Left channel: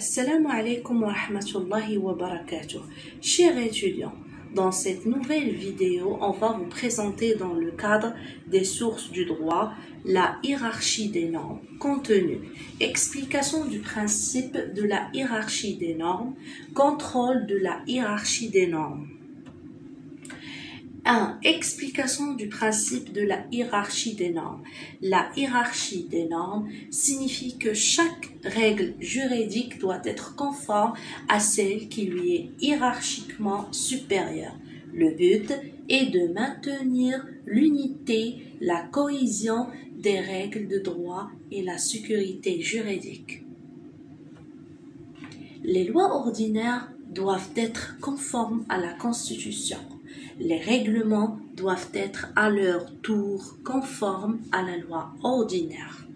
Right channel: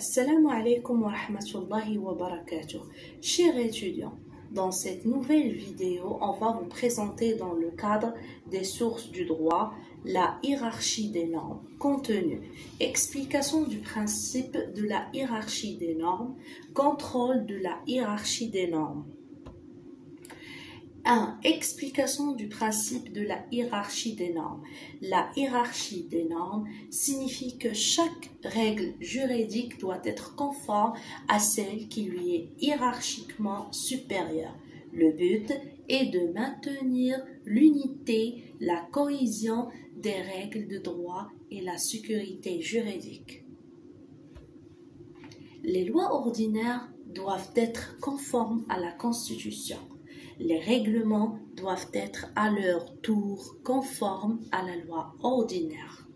Assalamu alaikum wa rahmatullahi wa barakatuh. Chers étudiants, dans cette nouvelle vidéo, on va vous présenter dans le cadre des sources du droit la hiérarchie des normes, contenu, explication du principe de la hiérarchie des normes, contrôle de la hiérarchie des normes. 1. Explication du principe de la hiérarchie des normes. La hiérarchie des normes signifie que chaque règle juridique doit être conforme à celle qui lui est hiérarchiquement supérieure. Le but est de maintenir l'unité, la cohésion des règles de droit et la sécurité juridique. Les lois ordinaires doivent être conformes à la Constitution. Les règlements doivent être à leur tour conformes à la loi ordinaire.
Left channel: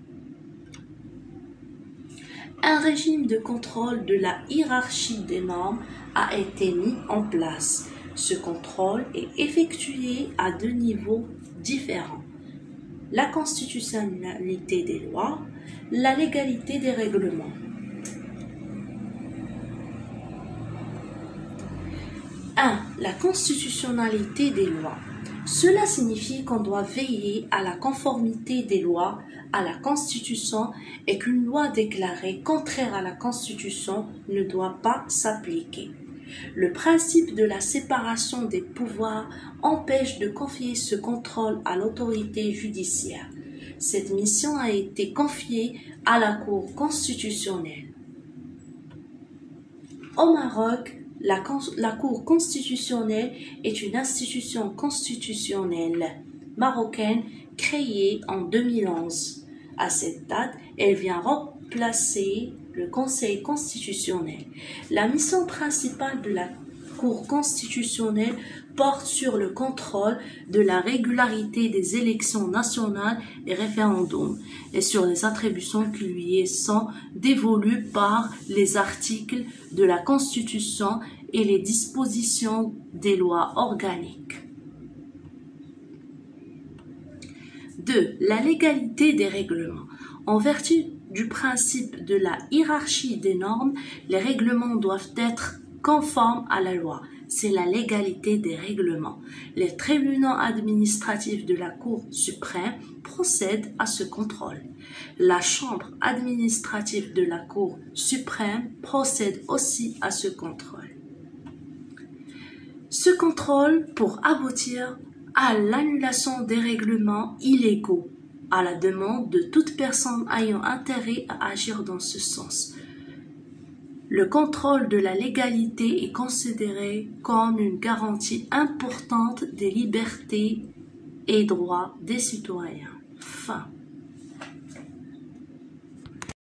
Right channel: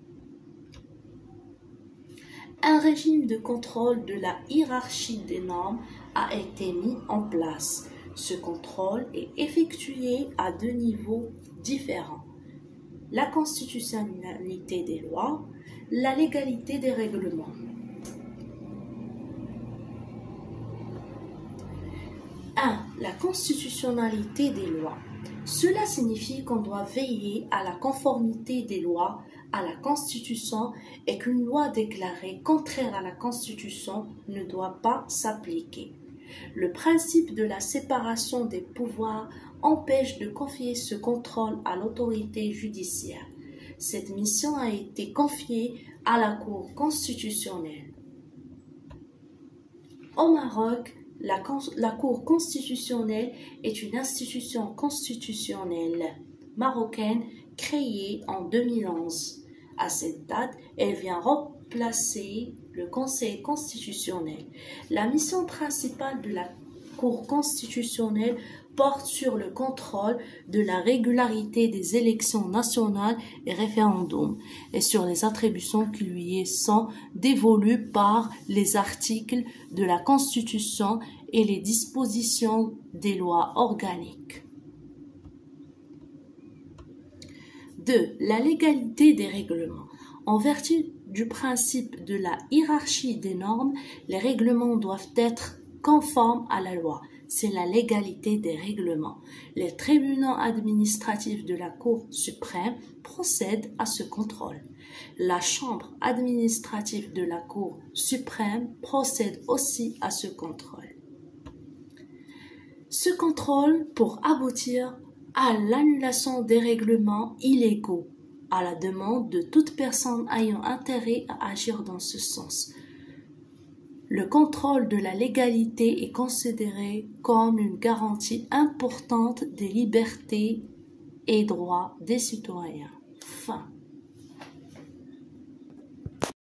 Un régime de contrôle de la hiérarchie des normes a été mis en place. Ce contrôle est effectué à deux niveaux différents: la constitutionnalité des lois, la légalité des règlements. 1. La constitutionnalité des lois. Cela signifie qu'on doit veiller à la conformité des lois à la Constitution et qu'une loi déclarée contraire à la Constitution ne doit pas s'appliquer. Le principe de la séparation des pouvoirs empêche de confier ce contrôle à l'autorité judiciaire. Cette mission a été confiée à la Cour constitutionnelle. Au Maroc, la Cour constitutionnelle est une institution constitutionnelle marocaine créée en 2011. À cette date, elle vient remplacer le Conseil constitutionnel. La mission principale de la Cour constitutionnelle porte sur le contrôle de la régularité des élections nationales et référendums et sur les attributions qui lui sont dévolues par les articles de la Constitution et les dispositions des lois organiques. 2. La légalité des règlements. En vertu du principe de la hiérarchie des normes, les règlements doivent être conformes à la loi. C'est la légalité des règlements. Les tribunaux administratifs de la Cour suprême procèdent à ce contrôle. La Chambre administrative de la Cour suprême procède aussi à ce contrôle. Ce contrôle pour aboutir à l'annulation des règlements illégaux, à la demande de toute personne ayant intérêt à agir dans ce sens. Le contrôle de la légalité est considéré comme une garantie importante des libertés et droits des citoyens. Fin.